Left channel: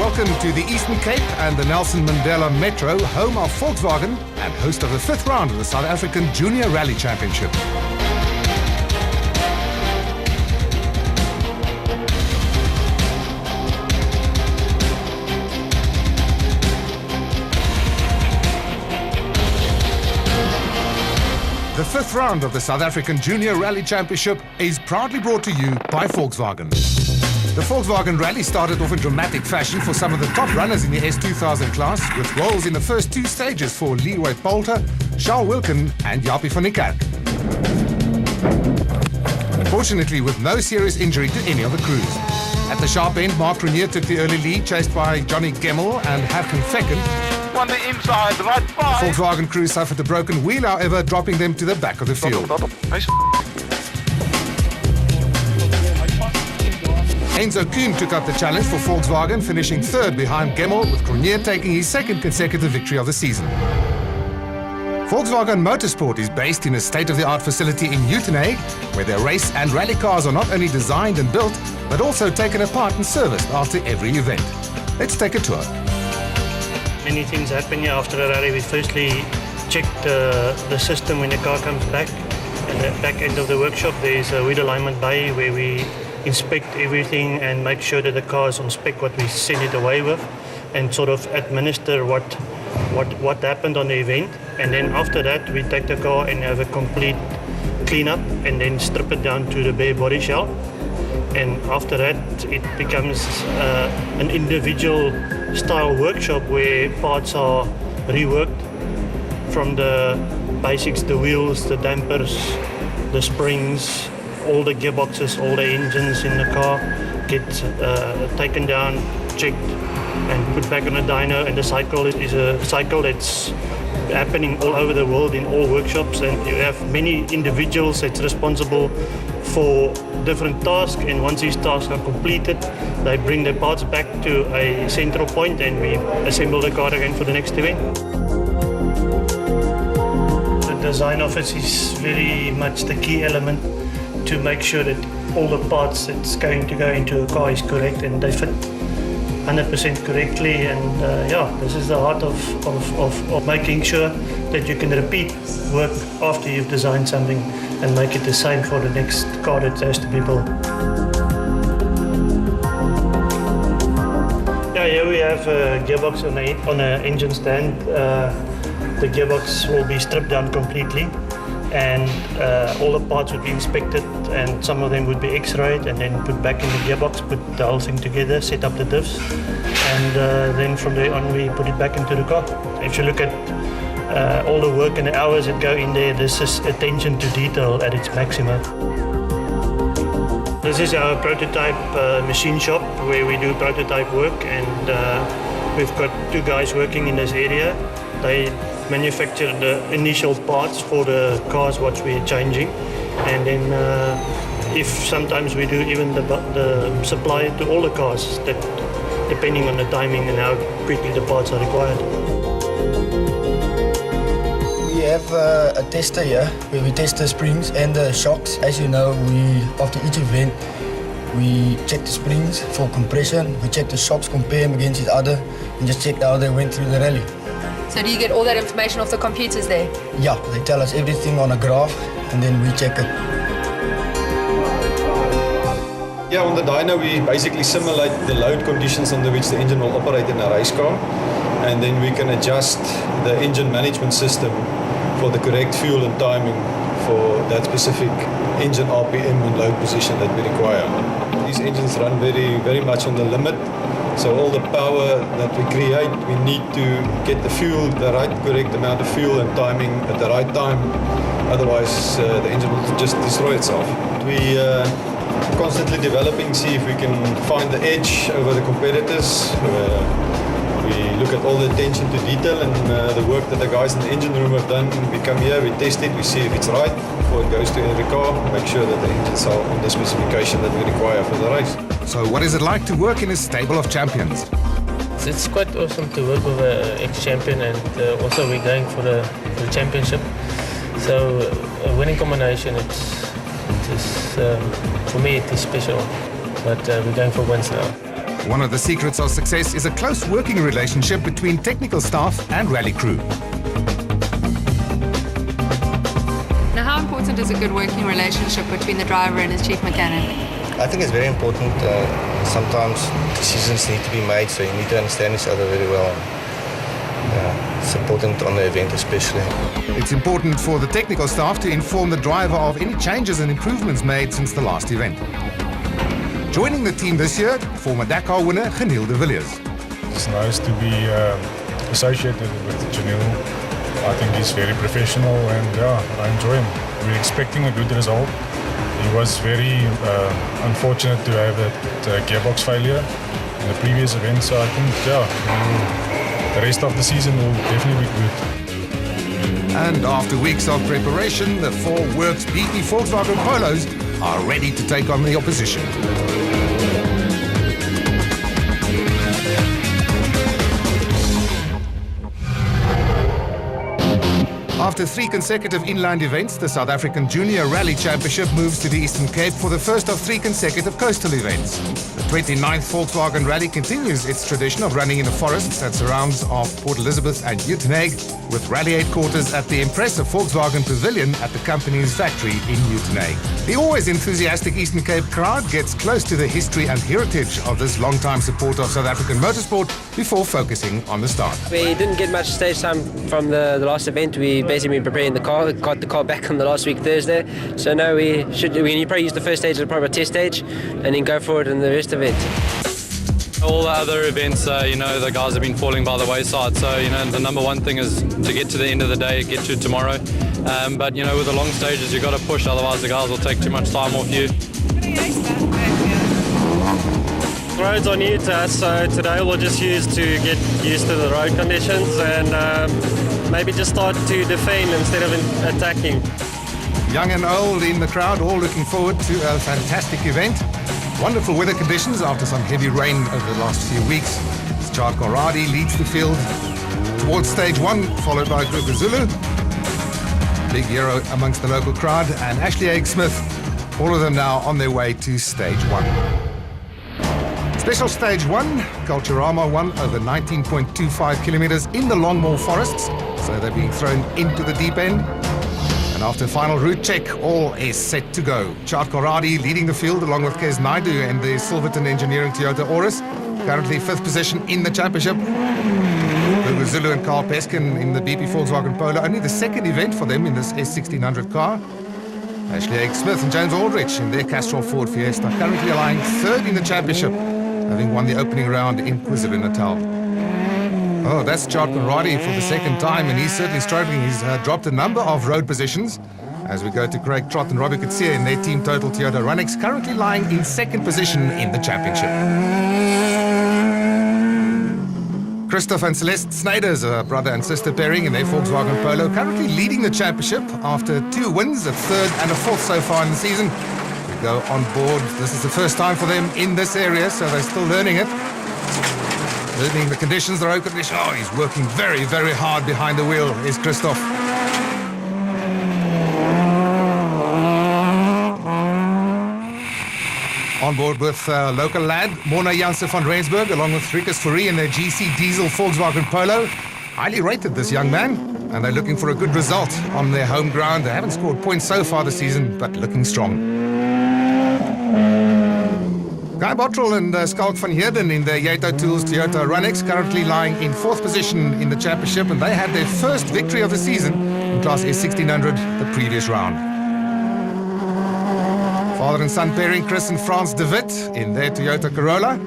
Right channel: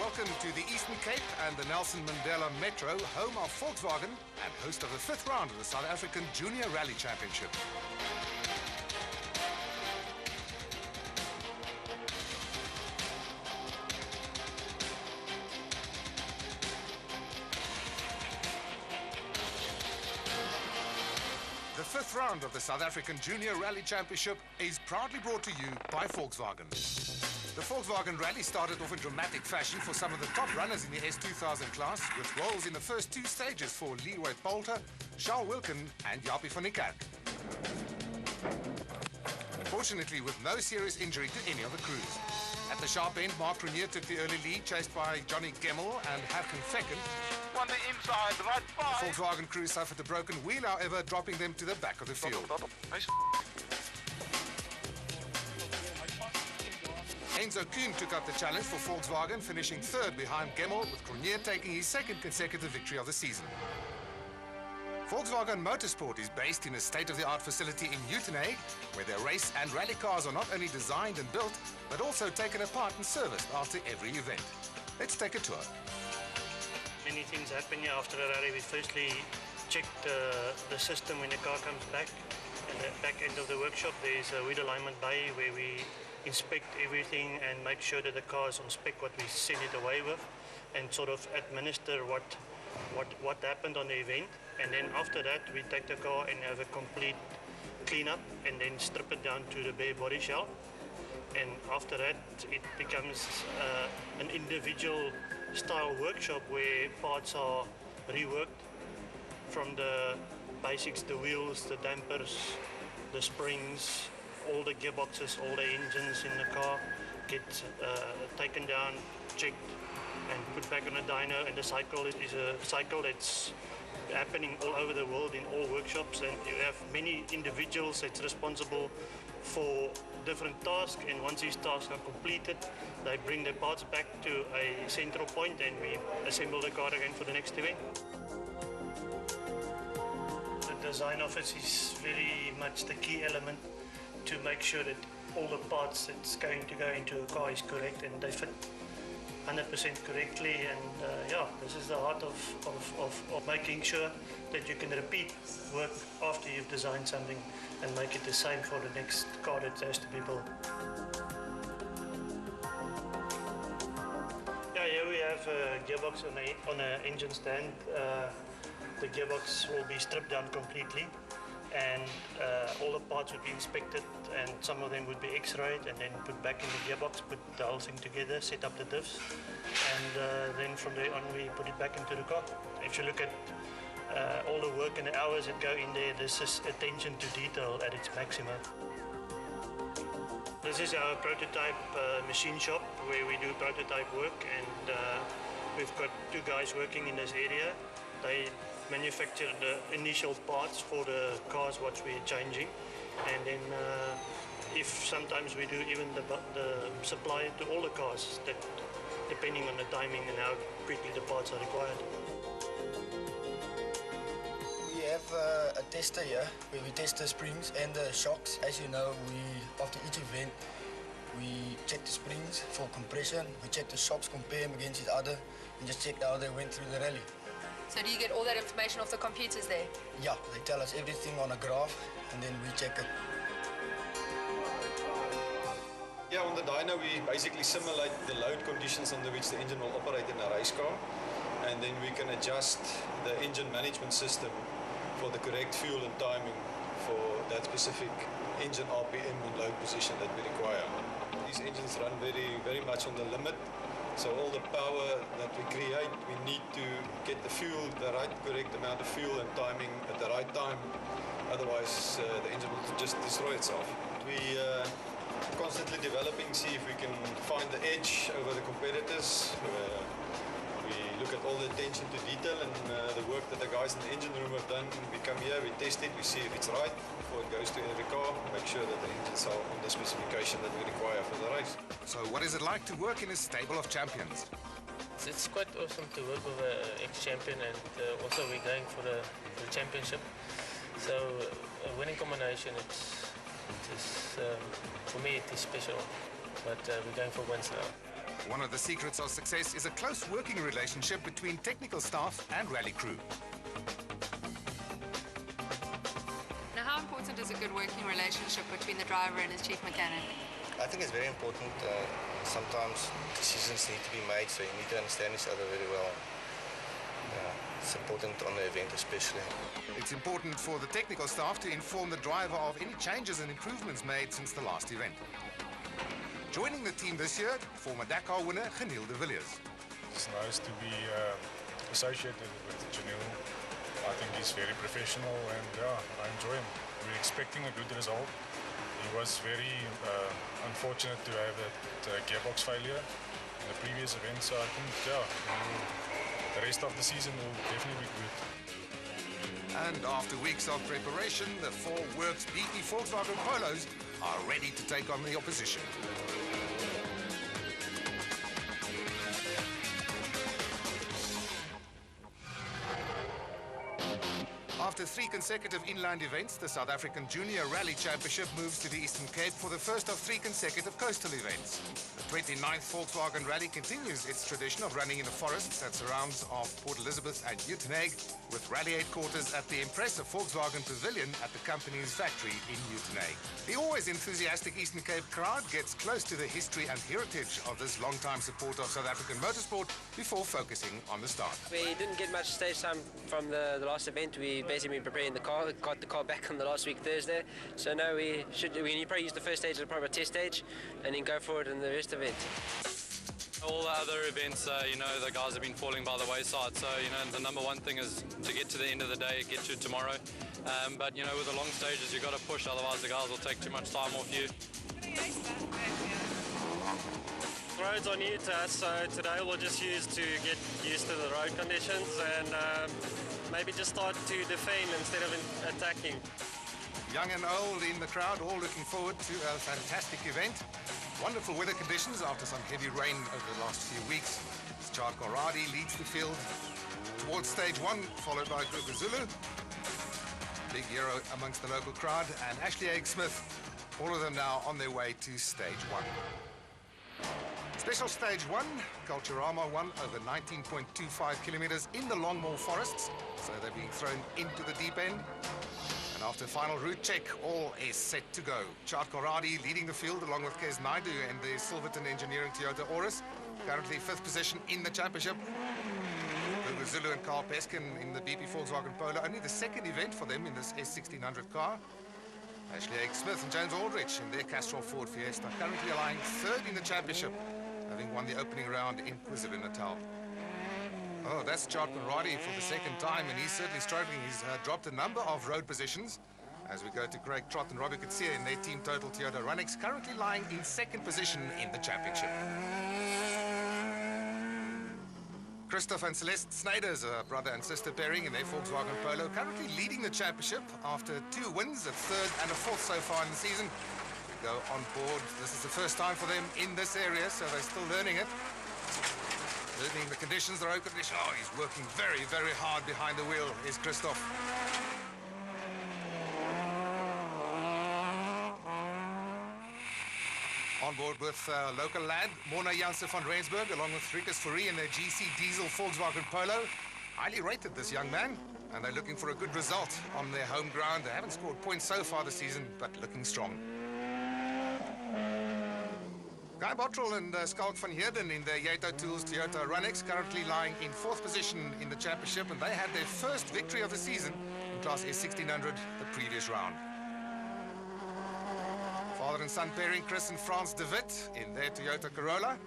Welcome to the Eastern Cape and the Nelson Mandela Metro, home of Volkswagen and host of the 5th round of the South African Junior Rally Championship. The 5th round of the South African Junior Rally Championship is proudly brought to you by Volkswagen. The Volkswagen Rally started off in dramatic fashion for some of the top runners in the S2000 class, with roles in the first 2 stages for Leroy Poulter, Charles Wilken and Japie van der Kerk. Fortunately, with no serious injury to any of the crews. At the sharp end, Mark Grenier took the early lead, chased by Johnny Gemmel and Harken Fecken. On the inside, right by. The Volkswagen crew suffered a broken wheel, however, dropping them to the back of the field. Enzo Kuhn took up the challenge for Volkswagen, finishing 3rd behind Gemmel, with Grenier taking his 2nd consecutive victory of the season. Volkswagen Motorsport is based in a state-of-the-art facility in Uitenhage, where their race and rally cars are not only designed and built, but also taken apart and serviced after every event. Let's take a tour. Many things happen here after a rally. We firstly check the system when the car comes back. At the back end of the workshop, there's a wheel alignment bay where we inspect everything and make sure that the car is on spec what we send it away with, and sort of administer what happened on the event. And then after that, we take the car and have a complete cleanup and then strip it down to the bare body shell. And after that, it becomes an individual style workshop where parts are reworked from the basics, the wheels, the dampers, the springs, all the gearboxes, all the engines in the car get taken down, checked and put back on a dyno. And the cycle is a cycle that's happening all over the world in all workshops, and you have many individuals that's responsible for different tasks, and once these tasks are completed, they bring the parts back to a central point and we assemble the car again for the next event. The design office is very much the key element to make sure that all the parts that's going to go into a car is correct and they fit 100% correctly, and this is the heart of making sure that you can repeat work after you've designed something and make it the same for the next car that has to be built. Here we have a gearbox on an engine stand. The gearbox will be stripped down completely, and all the parts would be inspected, and some of them would be x-rayed and then put back in the gearbox, put the whole thing together, set up the diffs, and then from there on we put it back into the car. If you look at all the work and the hours that go in there, this is attention to detail at its maximum. This is our prototype machine shop where we do prototype work, and we've got 2 guys working in this area. They manufacture the initial parts for the cars what we're changing, and then if sometimes we do even the supply to all the cars, that depending on the timing and how quickly the parts are required. We have a tester here where we test the springs and the shocks. As you know, after each event we check the springs for compression, we check the shocks, compare them against each other, and just check how they went through the rally. So do you get all that information off the computers there? Yeah, they tell us everything on a graph and then we check it. Yeah, on the dyno we basically simulate the load conditions under which the engine will operate in a race car, and then we can adjust the engine management system for the correct fuel and timing for that specific engine RPM and load position that we require. These engines run very much on the limit. So all the power that we create, we need to get the fuel, the right correct amount of fuel and timing at the right time. Otherwise, the engine will just destroy itself. We constantly developing, see if we can find the edge over the competitors. We look at all the attention to detail and the work that the guys in the engine room have done. We come here, we test it, we see if it's right before it goes to every car, make sure that the engines are on the specification that we require for the race. So what is it like to work in a stable of champions? It's quite awesome to work with an ex-champion, and also we're going for the championship. So a winning combination, for me it is special, but we're going for wins now. One of the secrets of success is a close working relationship between technical staff and rally crew. Now, how important is a good working relationship between the driver and his chief mechanic? I think it's very important. Sometimes decisions need to be made, so you need to understand each other very well. It's important on the event especially. It's important for the technical staff to inform the driver of any changes and improvements made since the last event. Joining the team this year, former Dakar winner Janelle de Villiers. It's nice to be associated with Janelle. I think he's very professional and I enjoy him. We're expecting a good result. He was very unfortunate to have that gearbox failure in the previous event, so I think the rest of the season will definitely be good. And after weeks of preparation, the 4 Works BP Volkswagen Polos are ready to take on the opposition. After 3 consecutive inline events, the South African Junior Rally Championship moves to the Eastern Cape for the first of 3 consecutive coastal events. The 29th Volkswagen Rally continues its tradition of running in the forests that surrounds of Port Elizabeth and Uitenhage, with rally headquarters at the impressive Volkswagen Pavilion at the company's factory in Uitenhage. The always enthusiastic Eastern Cape crowd gets close to the history and heritage of this long-time supporter of South African motorsport before focusing on the start. We didn't get much stage time from the last event. We basically been preparing the car, got the car back on the last week Thursday. So now we probably use the first stage as probably a test stage and then go forward in the rest of it. All the other events, the guys have been falling by the wayside. So, the number one thing is to get to the end of the day, get to tomorrow. But, with the long stages, you've got to push, otherwise the guys will take too much time off you. Roads are new to us, so today we'll just use to get used to the road conditions and maybe just start to defend instead of attacking. Young and old in the crowd, all looking forward to a fantastic event. Wonderful weather conditions after some heavy rain over the last few weeks. Chad Conradi leads the field towards stage 1, followed by Kruger Zulu. Big hero amongst the local crowd, and Ashley Egg-Smith, all of them now on their way to stage 1. Special stage 1, Culturama 1 over 19.25 kilometers in the Longmore forests, so they're being thrown into the deep end. And after final route check, all is set to go. Chad Conradi leading the field along with Kes Naidu and the Silverton Engineering Toyota Auris, currently 5th position in the championship. Kruger Zulu and Carl Peskin in the BP Volkswagen Polo, only the 2nd event for them in this S1600 car. Ashley Egg-Smith and James Aldrich in their Castrol Ford Fiesta, currently lying 3rd in the championship, having won the opening round in KwaZulu-Natal. Oh, that's Chad Conradi for the 2nd time, and he's certainly struggling. He's dropped a number of road positions as we go to Craig Trott and Robbie Kutsia in their Team Total Toyota Runnix, currently lying in 2nd position in the championship. Christoph and Celeste Snyder's brother and sister pairing in their Volkswagen Polo, currently leading the championship after 2 wins, a 3rd and a 4th so far in the season. We go on board. This is the first time for them in this area, so they're still learning it. Learning the conditions, the road conditions. Oh, he's working very, very hard behind the wheel, is Christoph. On board with local lad, Mona Janssen van Rensburg, along with Rikus Fourie in their GC Diesel Volkswagen Polo. Highly rated, this young man, and they're looking for a good result on their home ground. They haven't scored points so far this season, but looking strong. Guy Bottrell and Skalk van Heerden in their Yato Tools Toyota Runnix, currently lying in 4th position in the championship, and they had their first victory of the season in Class S1600 the previous round. Father and son pairing, Chris and Frans de Wit in their Toyota Corolla,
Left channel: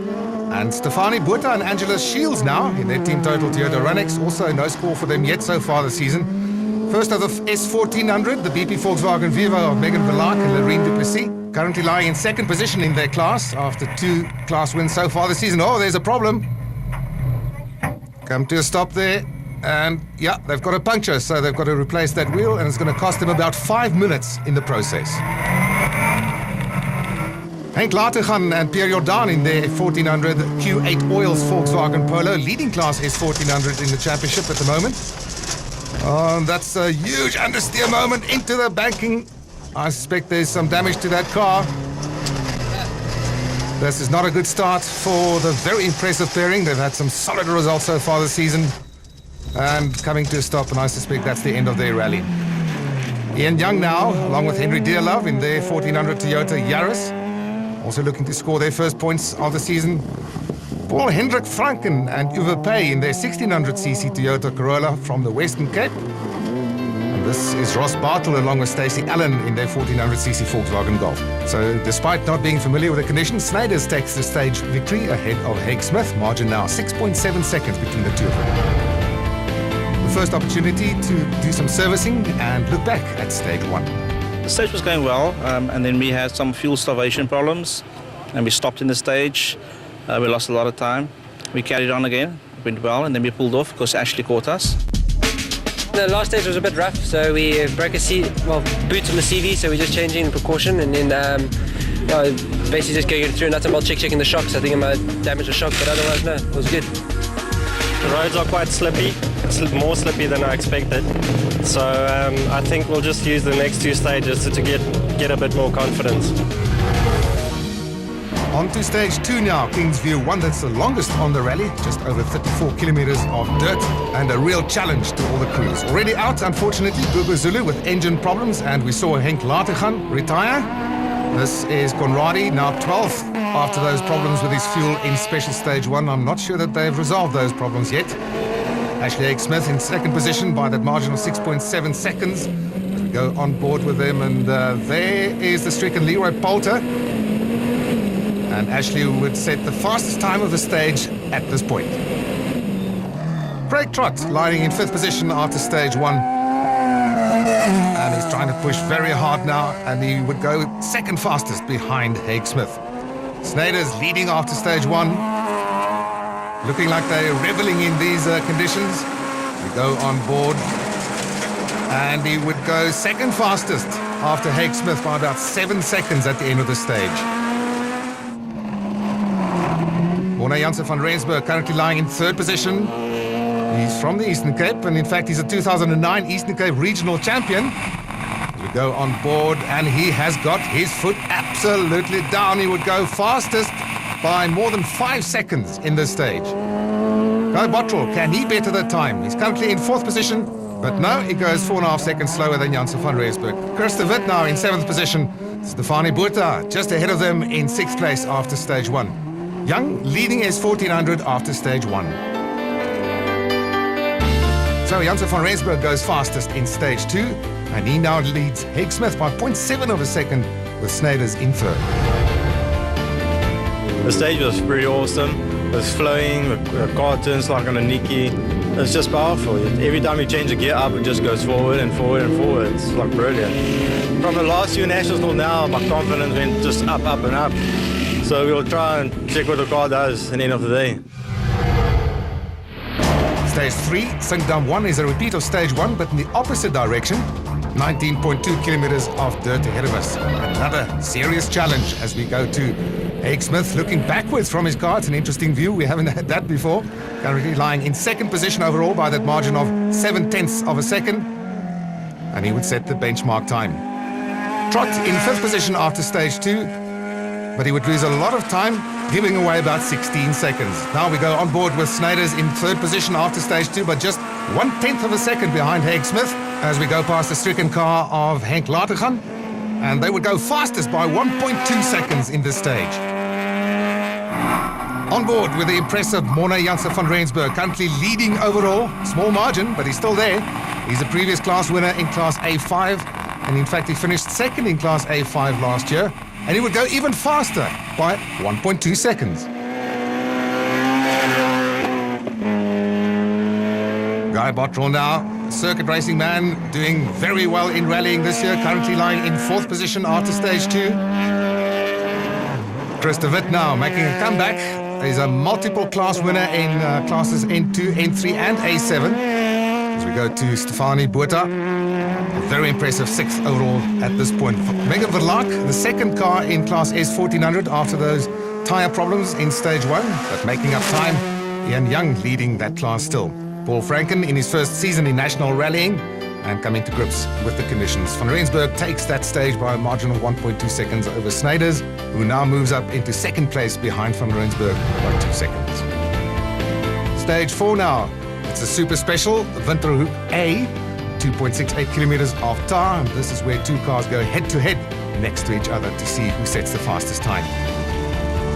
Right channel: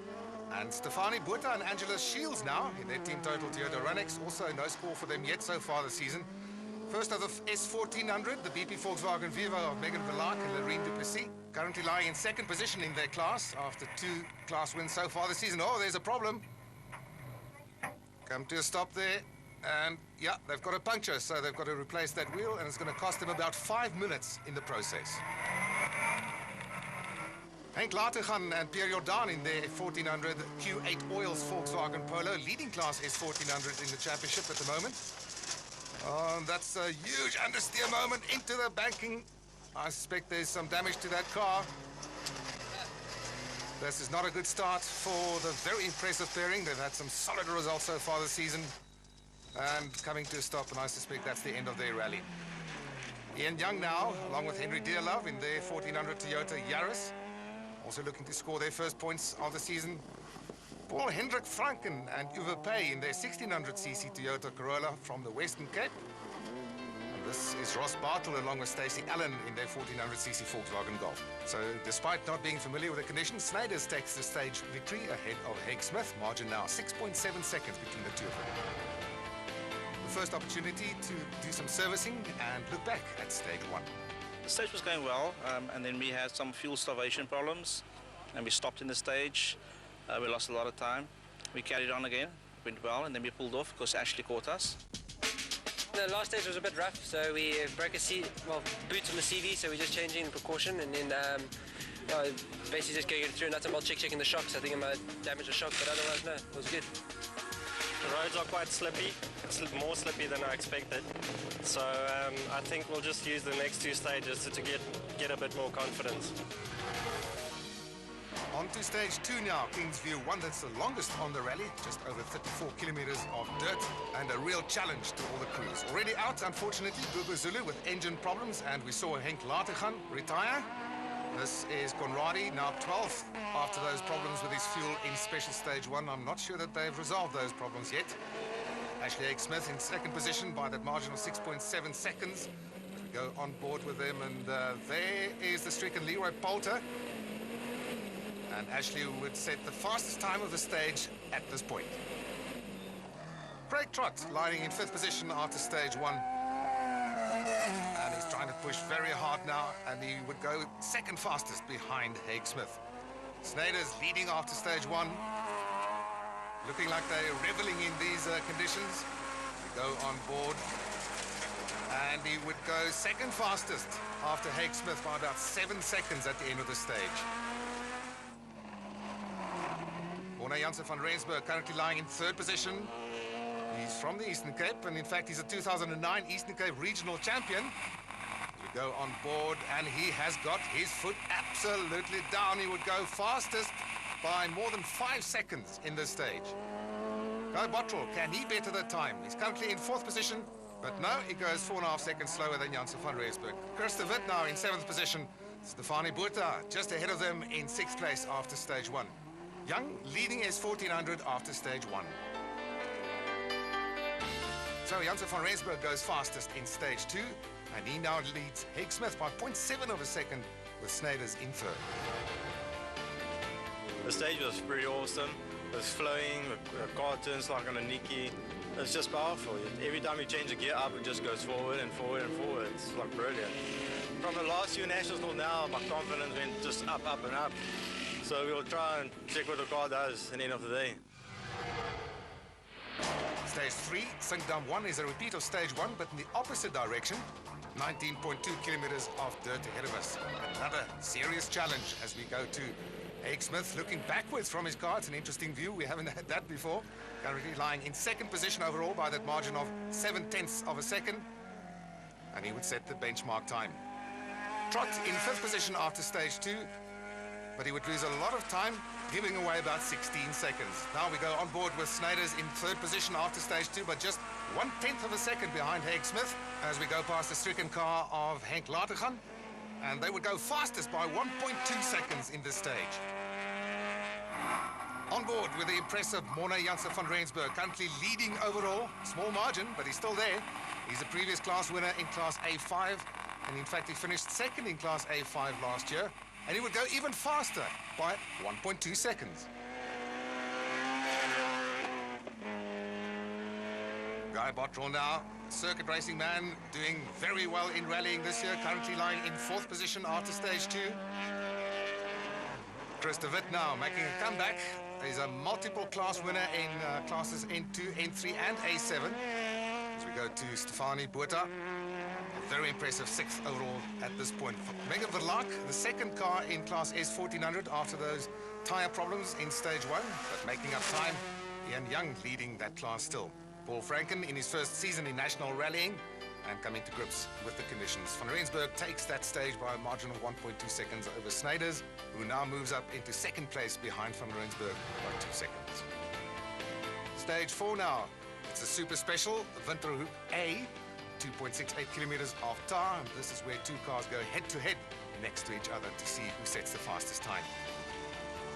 and Stefanie Botha and Angela Shields now in their Team Total Toyota Runnix. Also no score for them yet so far this season. First of the S1400, the BP Volkswagen Viva of Megan Verlaak and Loreen Duplessis, currently lying in 2nd position in their class after 2 class wins so far this season. Oh, there's a problem. Come to a stop there. And yeah, they've got a puncture, so they've got to replace that wheel, and it's going to cost them about 5 minutes in the process. Henk Latergan and Pierre Jordan in their 1400 Q8 Oils Volkswagen Polo, leading class S1400 in the championship at the moment. That's a huge understeer moment into the banking. I suspect there's some damage to that car. This is not a good start for the very impressive pairing. They've had some solid results so far this season. And coming to a stop, and I suspect that's the end of their rally. Ian Young now, along with Henry Dearlove in their 1400 Toyota Yaris, also looking to score their first points of the season. Paul Hendrik Franken and Uwe Pay in their 1600cc Toyota Corolla from the Western Cape. And this is Ross Bartle along with Stacey Allen in their 1400cc Volkswagen Golf. So despite not being familiar with the conditions, Snyder's takes the stage victory ahead of Haig Smith. Margin now 6.7 seconds between the two of them. The first opportunity to do some servicing and look back at stage one. The stage was going well, and then we had some fuel starvation problems, and we stopped in the stage. We lost a lot of time. We carried on again, it went well, and then we pulled off because Ashley caught us. The last stage was a bit rough, so we broke boots on the CV, so we're just changing precaution, and then basically just going through a nut and bolt checking the shocks. I think I might damage the shock, but otherwise, no, it was good. The roads are quite slippy. It's more slippy than I expected. So I think we'll just use the next two stages to get a bit more confidence. On to stage two now, Kingsview 1, that's the longest on the rally, just over 34 kilometers of dirt, and a real challenge to all the crews. Already out, unfortunately, Gugu Zulu with engine problems, and we saw Henk Latergan retire. This is Conradi, now 12th after those problems with his fuel in special stage one. I'm not sure that they've resolved those problems yet. Ashley Haig Smith in second position by that margin of 6.7 seconds. As we go on board with them, and there is the stricken Leroy Poulter. And Ashley would set the fastest time of the stage at this point. Craig Trott lying in fifth position after stage one. And he's trying to push very hard now, and he would go second fastest behind Haig Smith. Snyder's leading after stage one. Looking like they're reveling in these conditions. We go on board, and he would go second fastest after Haig Smith by about 7 seconds at the end of the stage. Morne Jansen van Rensburg currently lying in third position. He's from the Eastern Cape, and in fact he's a 2009 Eastern Cape regional champion. As we go on board, and he has got his foot absolutely down. He would go fastest by more than 5 seconds in this stage. Guy Bottrell, can he better the time? He's currently in fourth position, but no, he goes 4.5 seconds slower than Jansen van Rensburg. Chris de Wit now in seventh position. Stefanie Botha just ahead of them in sixth place after stage one. Young leading his 1400 after stage one. So Jansen van Rensburg goes fastest in stage two, and he now leads Haig Smith by 0.7 of a second with Snyder's in third. The stage was pretty awesome. It was flowing, the car turns like on a Nikki. It's just powerful. Every time you change a gear up, it just goes forward and forward and forward. It's like brilliant. From the last few nationals till now, my confidence went just up, up and up. So we'll try and check what the car does at the end of the day. Stage 3, Singdam 1 is a repeat of stage 1, but in the opposite direction. 19.2 kilometers of dirt ahead of us. Another serious challenge as we go to Haig Smith looking backwards from his car. It's an interesting view. We haven't had that before. Currently lying in second position overall by that margin of 0.7 of a second. And he would set the benchmark time. Trott in fifth position after stage 2. But he would lose a lot of time, giving away about 16 seconds. Now we go on board with Snyder's in third position after stage 2, but just 1/10 of a second behind Haig Smith as we go past the stricken car of Henk Latergan. And they would go fastest by 1.2 seconds in this stage. On board with the impressive Morne Jansen van Rensburg, currently leading overall. Small margin, but he's still there. He's a previous class winner in Class A5, and in fact he finished second in Class A5 last year. And he would go even faster by 1.2 seconds. Guy Bottrell now, circuit racing man, doing very well in rallying this year, currently lying in fourth position after stage 2. Chris de Wit now making a comeback. He's a multiple class winner in classes N2, N3 and A7. As we go to Stefanie Botha. Very impressive 6th overall at this point. Megan Verlaak, the second car in Class S 1400 after those tyre problems in stage 1, but making up time. Ian Young leading that class still. Paul Franken in his first season in national rallying. and coming to grips with the conditions. Van Rensburg takes that stage by a margin of 1.2 seconds over Snyders, who now moves up into second place behind Van Rensburg by 2 seconds. Stage 4 now. It's a super special, Winterhoek A, 2.68 kilometers of tar, and this is where two cars go head-to-head next to each other to see who sets the fastest time.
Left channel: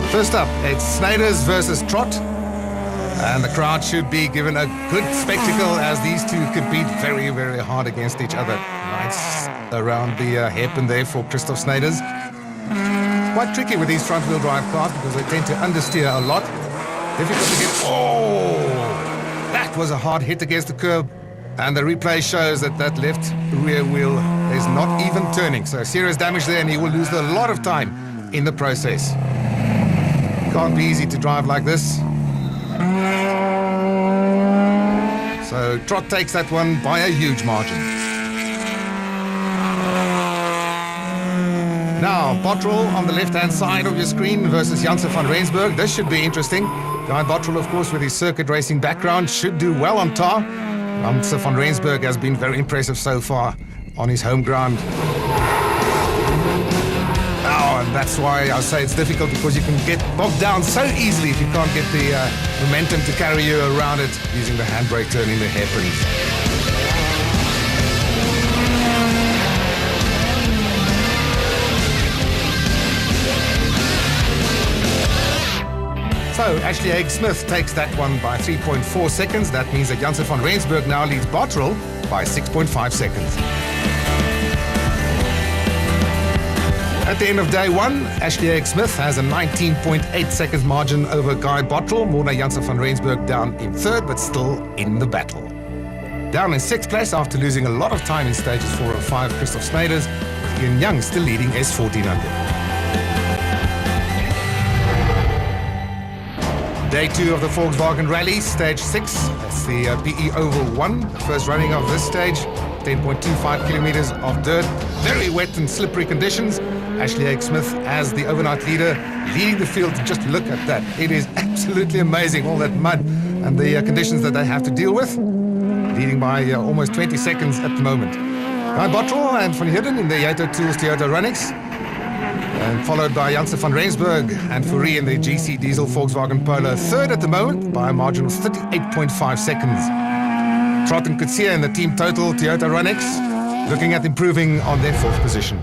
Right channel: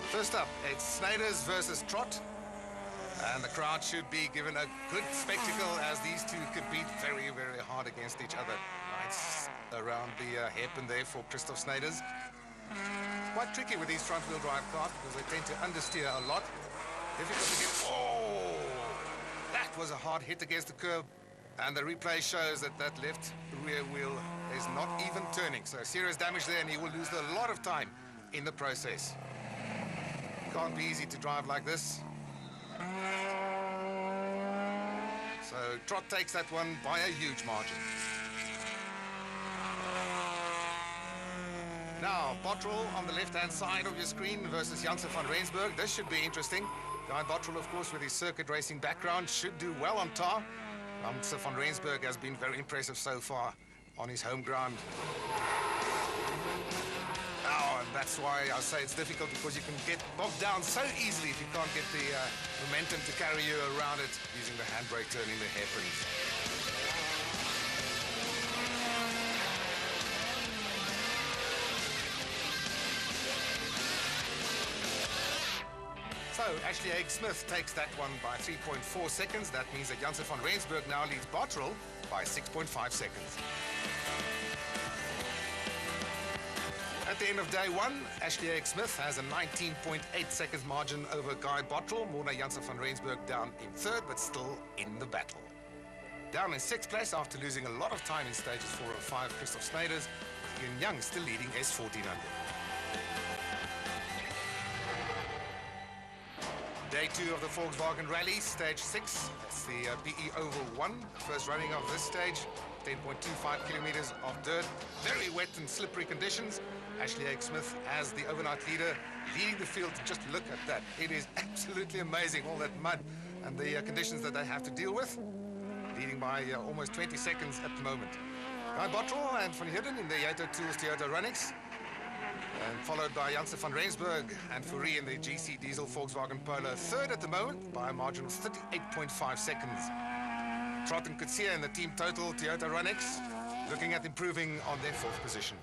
First up, it's Snyders versus Trott, and the crowd should be given a good spectacle as these two compete very, very hard against each other. Nice around the hairpin there for Christoph Snyders. Quite tricky with these front-wheel drive cars because they tend to understeer a lot. Difficult to get... Oh! That was a hard hit against the curb. And the replay shows that that left rear wheel is not even turning. So serious damage there, and he will lose a lot of time in the process. Can't be easy to drive like this. So Trott takes that one by a huge margin. Now, Bottrell on the left-hand side of your screen versus Janse van Rensburg. This should be interesting. Guy Bottrell, of course, with his circuit racing background, should do well on tar. Janse van Rensburg has been very impressive so far on his home ground. Oh, and that's why I say it's difficult, because you can get bogged down so easily if you can't get the momentum to carry you around it using the handbrake turning the hairpins. So Ashley Haig-Smith takes that one by 3.4 seconds. That means that Janse van Rensburg now leads Bottrell by 6.5 seconds. At the end of day one, Ashley Haig-Smith has a 19.8 seconds margin over Guy Bottrell. Morna Janse van Rensburg down in third, but still in the battle. Down in sixth place after losing a lot of time in stages 4 and 5, Christoph Snyders, with Ian Young still leading S1400. Day 2 of the Volkswagen Rally, stage 6. That's the PE Oval 1, the first running of this stage. 10.25 kilometers of dirt, very wet and slippery conditions. Ashley Haig-Smith as the overnight leader, leading the field. Just look at that. It is absolutely amazing, all that mud and the conditions that they have to deal with. Leading by almost 20 seconds at the moment. Guy Bottrell and Van Heerden in the Yato Tools Toyota Runnix. And followed by Janse van Rensburg and Fourie in the GC Diesel Volkswagen Polo, third at the moment by a margin of 38.5 seconds. Trott and Kutsia in the team total Toyota Runnix, looking at improving on their fourth position.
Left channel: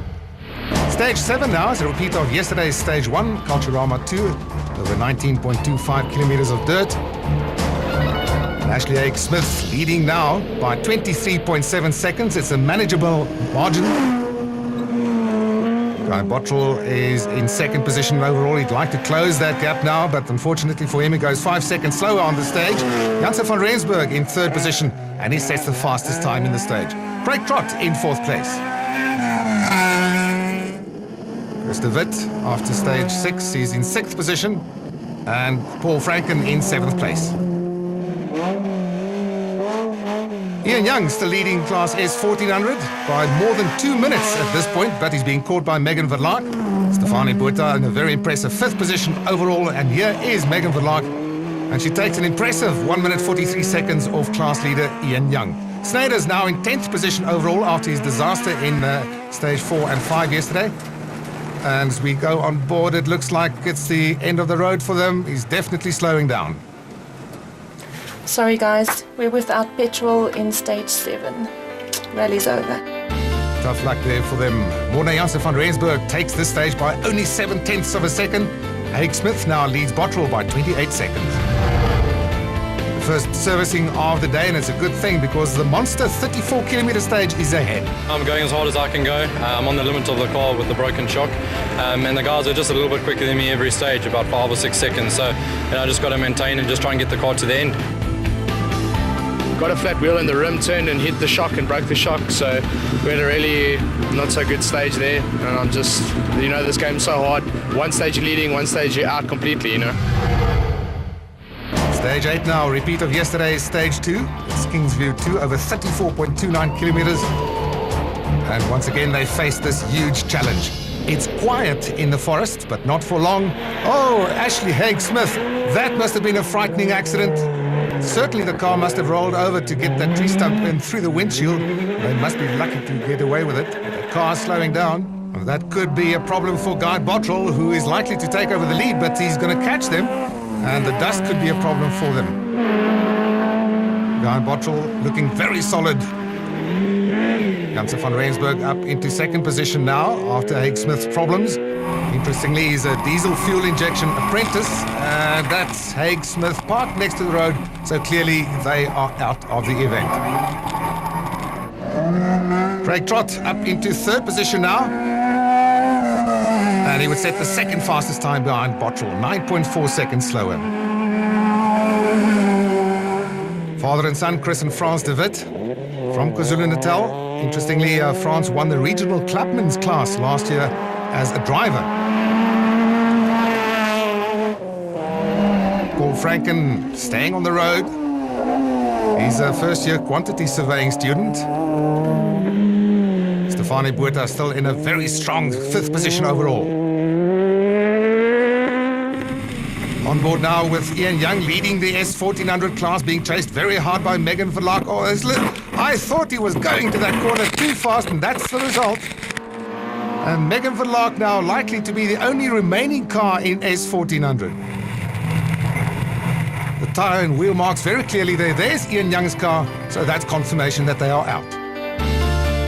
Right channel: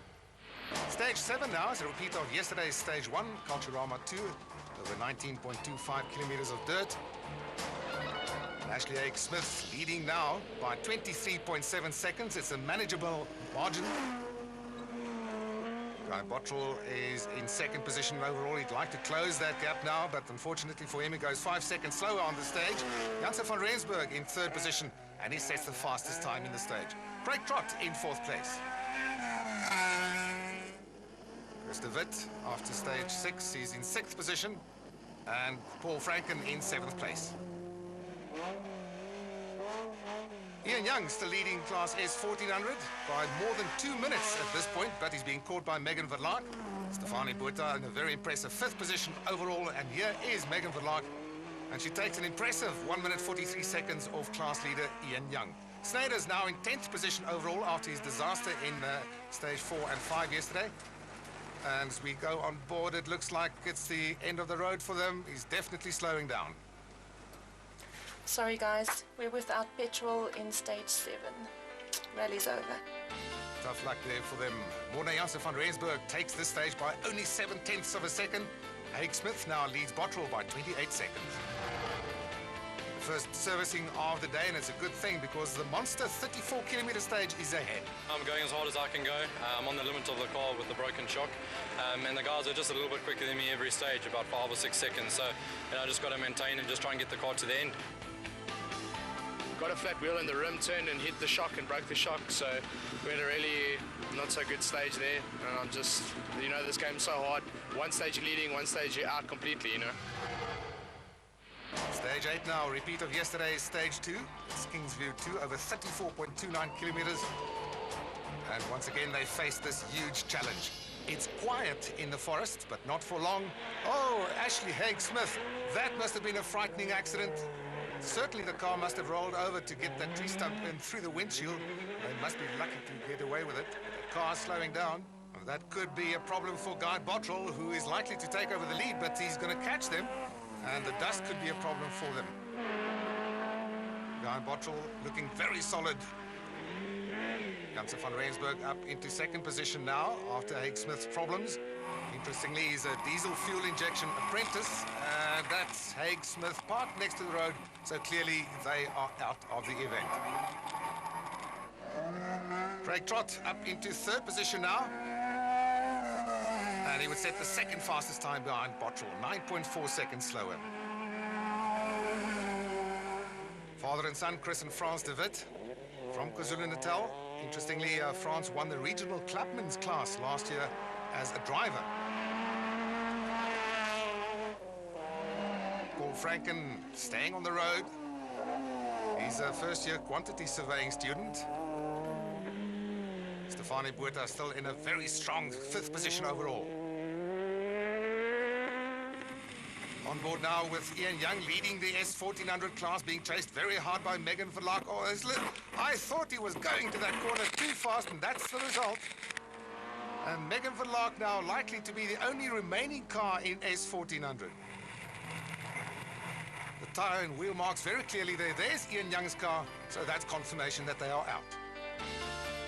Stage 7 now is a repeat of yesterday's stage 1, Culturama 2, over 19.25 kilometers of dirt. And Ashley Haig-Smith leading now by 23.7 seconds. It's a manageable margin. Guy Bottrell is in second position overall. He'd like to close that gap now, but unfortunately for him, he goes 5 seconds slower on the stage. Janse van Rensburg in third position, and he sets the fastest time in the stage. Craig Trott in fourth place. Chris de Wit after stage 6, he's in sixth position, and Paul Franken in seventh place. Ian Young still leading Class S 1400 by more than 2 minutes at this point, but he's being caught by Megan Verlaak. Stefanie Botha in a very impressive fifth position overall, and here is Megan Verlaak, and she takes an impressive 1 minute 43 seconds off class leader Ian Young. Snyders now in 10th position overall after his disaster in stage 4 and 5 yesterday. And as we go on board, it looks like it's the end of the road for them. He's definitely slowing down. Sorry guys, we're without petrol in stage 7. Rally's over. Tough luck there for them. Morna Janse van Rensburg takes this stage by only 7/10 of a second. Haig-Smith now leads Bottrell by 28 seconds. The first servicing of the day, and it's a good thing because the monster 34-kilometer stage is ahead. I'm going as hard as I can go. I'm on the limit of the car with the broken shock. And the guys are just a little bit quicker than me every stage, about 5 or 6 seconds. So I just got to maintain and just try and get the car to the end. Got a flat wheel in the rim, turned and hit the shock and broke the shock, so we had a really not so good stage there, and I'm just, this game's so hard. One stage you're leading, one stage you're out completely, Stage 8 now, repeat of yesterday's stage 2. It's Kingsview 2 over 34.29 kilometers. And once again they face this huge challenge. It's quiet in the forest, but not for long. Oh, Ashley Haig-Smith, that must have been a frightening accident. Certainly the car must have rolled over to get that tree stump in through the windshield. They must be lucky to get away with it. The car slowing down. That could be a problem for Guy Bottrell, who is likely to take over the lead, but he's going to catch them, and the dust could be a problem for them. Guy Bottrell looking very solid. Janse van Rensburg up into second position now after Haig Smith's problems. Interestingly, he's a diesel fuel injection apprentice, and that's Haig Smith parked next to the road, so clearly they are out of the event. Craig Trott up into third position now, and he would set the second fastest time behind Bottrell, 9.4 seconds slower. Father and son, Chris and France de Wit from KwaZulu-Natal. Interestingly, France won the regional clubman's class last year as a driver. Paul Franken staying on the road. He's a first-year quantity surveying student. Stefani Buerta still in a very strong fifth position overall. On board now with Ian Young leading the S1400 class, being chased very hard by Megan Verlaak. Oh, I thought he was going to that corner too fast, and that's the result. And Megan Verlaak now likely to be the only remaining car in S1400. The tyre and wheel marks very clearly there. There's Ian Young's car, so that's confirmation that they are out.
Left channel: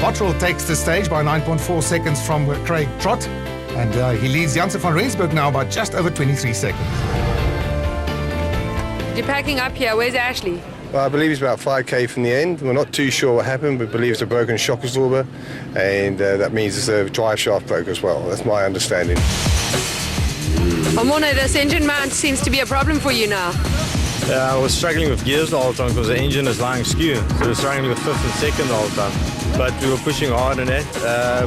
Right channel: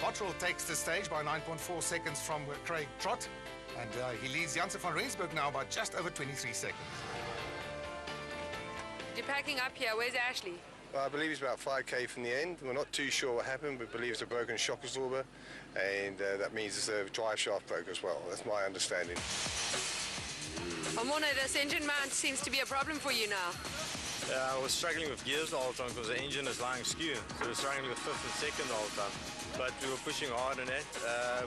Bottrell takes the stage by 9.4 seconds from Craig Trott, and he leads Janse van Rensburg now by just over 23 seconds. You're packing up here. Where's Ashley? Well, I believe it's about 5k from the end. We're not too sure what happened. We believe it's a broken shock absorber, and that means it's a drive shaft broke as well. That's my understanding. Morne, this engine mount seems to be a problem for you now. Yeah, I was struggling with gears the whole time because the engine is lying skew. So we were struggling with fifth and second the whole time. But we were pushing hard on that.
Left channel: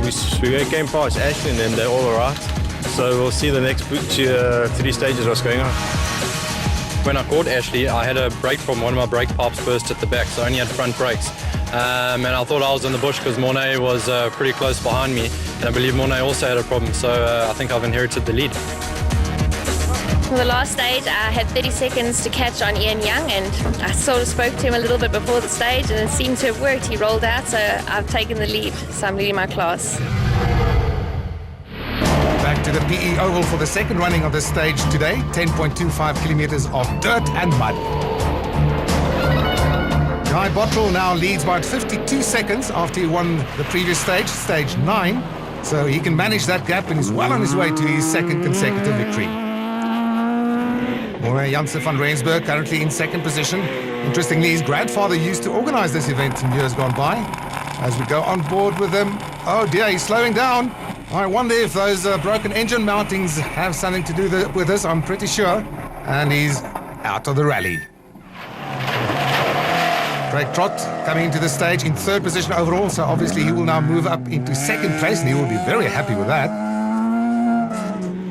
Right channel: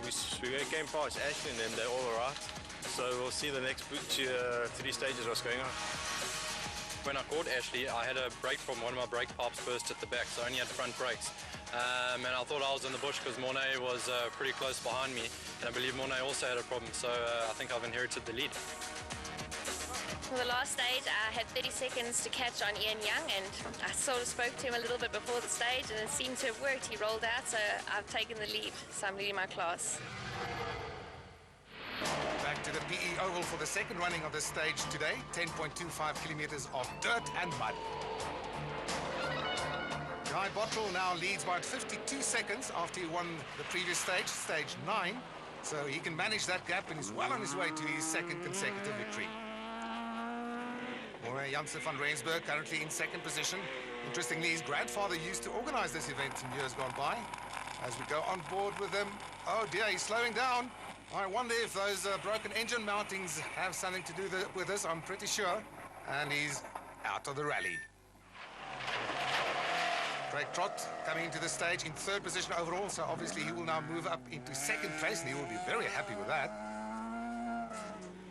We came past Ashley and then they're all right. So we'll see the next 3 stages what's going on. When I caught Ashley, I had a brake problem. One of my brake pipes burst at the back, so I only had front brakes. And I thought I was in the bush because Morne was pretty close behind me. And I believe Morne also had a problem, so I think I've inherited the lead. For the last stage, I had 30 seconds to catch on Ian Young, and I sort of spoke to him a little bit before the stage, and it seemed to have worked. He rolled out, so I've taken the lead, so I'm leading my class. Back to the PE Oval for the second running of this stage today, 10.25 kilometers of dirt and mud. Guy Bottrell now leads by 52 seconds after he won the previous stage, stage 9, so he can manage that gap and is well on his way to his second consecutive victory. Janse van Rensburg currently in second position. Interestingly, his grandfather used to organize this event in years gone by. As we go on board with him, oh dear, he's slowing down. I wonder if those broken engine mountings have something to do with this. I'm pretty sure. And he's out of the rally. Craig Trott coming into the stage in third position overall, so obviously he will now move up into second place, and he will be very happy with that.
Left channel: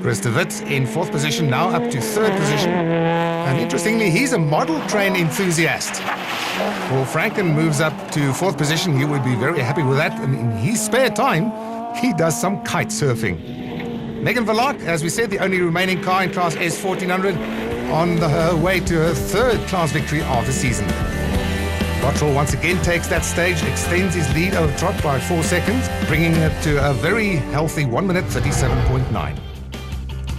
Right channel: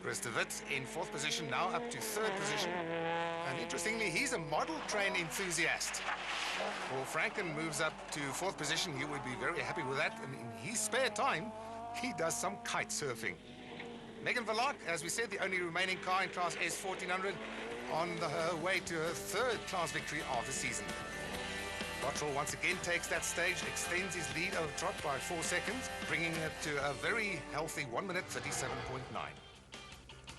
Chris de Wit in fourth position, now up to third position. And interestingly, he's a model train enthusiast. Paul Franken moves up to fourth position. He would be very happy with that. And in his spare time, he does some kite surfing. Megan Verlaak, as we said, the only remaining car in Class S1400, on her way to her third class victory of the season. Bottrell once again takes that stage, extends his lead over Trott by 4 seconds, bringing it to a very healthy 1 minute 37.9.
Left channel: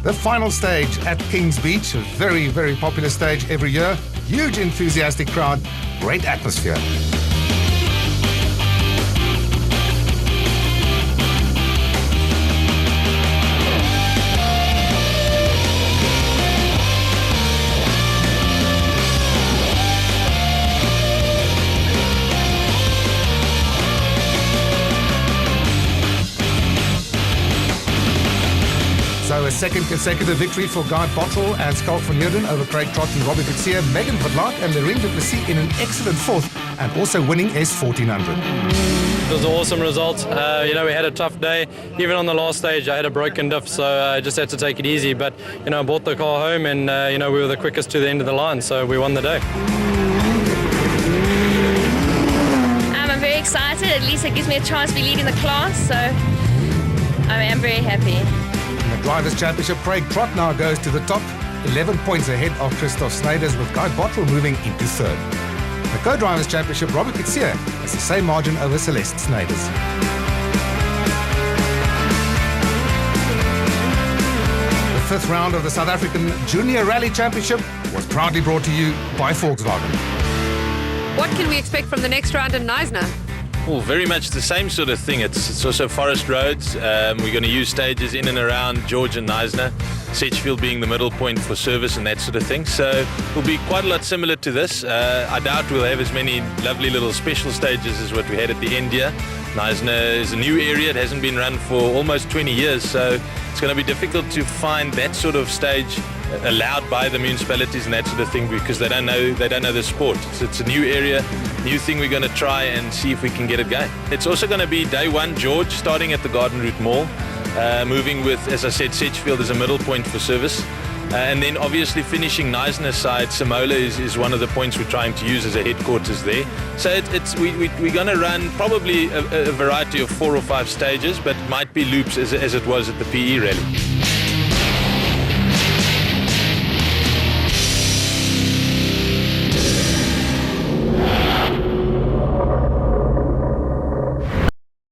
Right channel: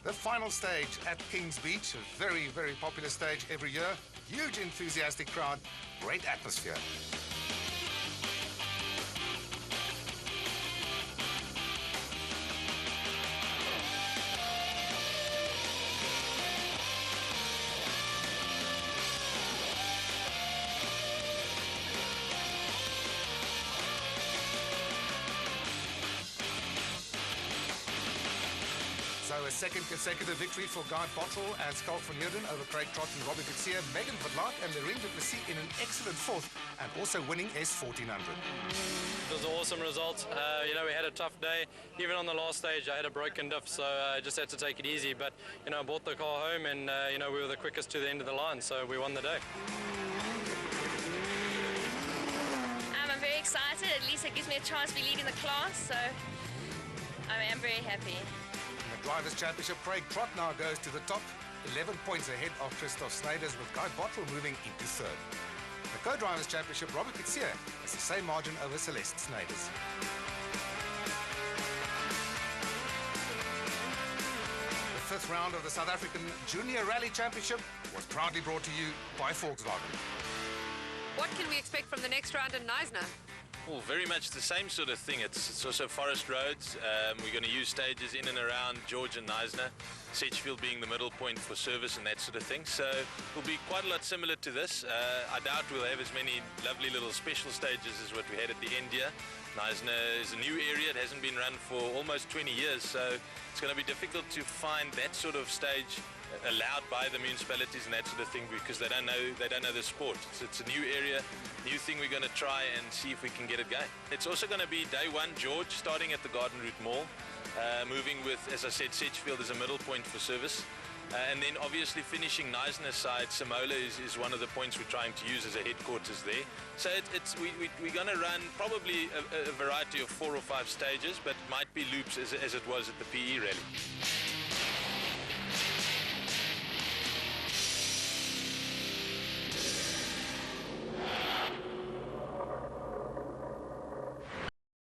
The final stage at Kings Beach, a very, very popular stage every year. Huge enthusiastic crowd, great atmosphere. So a second consecutive victory for Guy Bottrell and Schalk van Heerden over Craig Trott and Robbie Coetzee, Megan Verlaak and Lorraine du Plessis in an excellent fourth, and also winning S1400. It was an awesome result. We had a tough day. Even on the last stage, I had a broken diff, so I just had to take it easy. But, I brought the car home and, we were the quickest to the end of the line, so we won the day. I'm very excited. At least it gives me a chance to be leading the class, so I am very happy. Drivers' Championship, Craig Trott now goes to the top. 11 points ahead of Christoph Sneyders, with Guy Bottrell moving into third. The Co-Drivers' Championship, Robbie Kutsia has the same margin over Celeste Sneyders. The fifth round of the South African Junior Rally Championship was proudly brought to you by Volkswagen. What can we expect from the next round in Knysna? Well, very much the same sort of thing. It's also forest roads. We're going to use stages in and around George and Knysna, Sedgefield being the middle point for service and that sort of thing. So it'll be quite a lot similar to this. I doubt we'll have as many lovely little special stages as what we had at the end here. Knysna is a new area. It hasn't been run for almost 20 years, so it's going to be difficult to find that sort of stage allowed by the municipalities and that sort of thing, because they don't know the sport. So it's a new area, new thing we're going to try and see if we can get it going. It's also going to be day one George, starting at the Garden Route Mall, moving with, as I said, Sedgefield as a middle point for service. And then obviously finishing Knysna side, Simola is one of the points we're trying to use as a headquarters there. So we're going to run probably a variety of 4 or 5 stages, but it might be loops as it was at the PE Rally.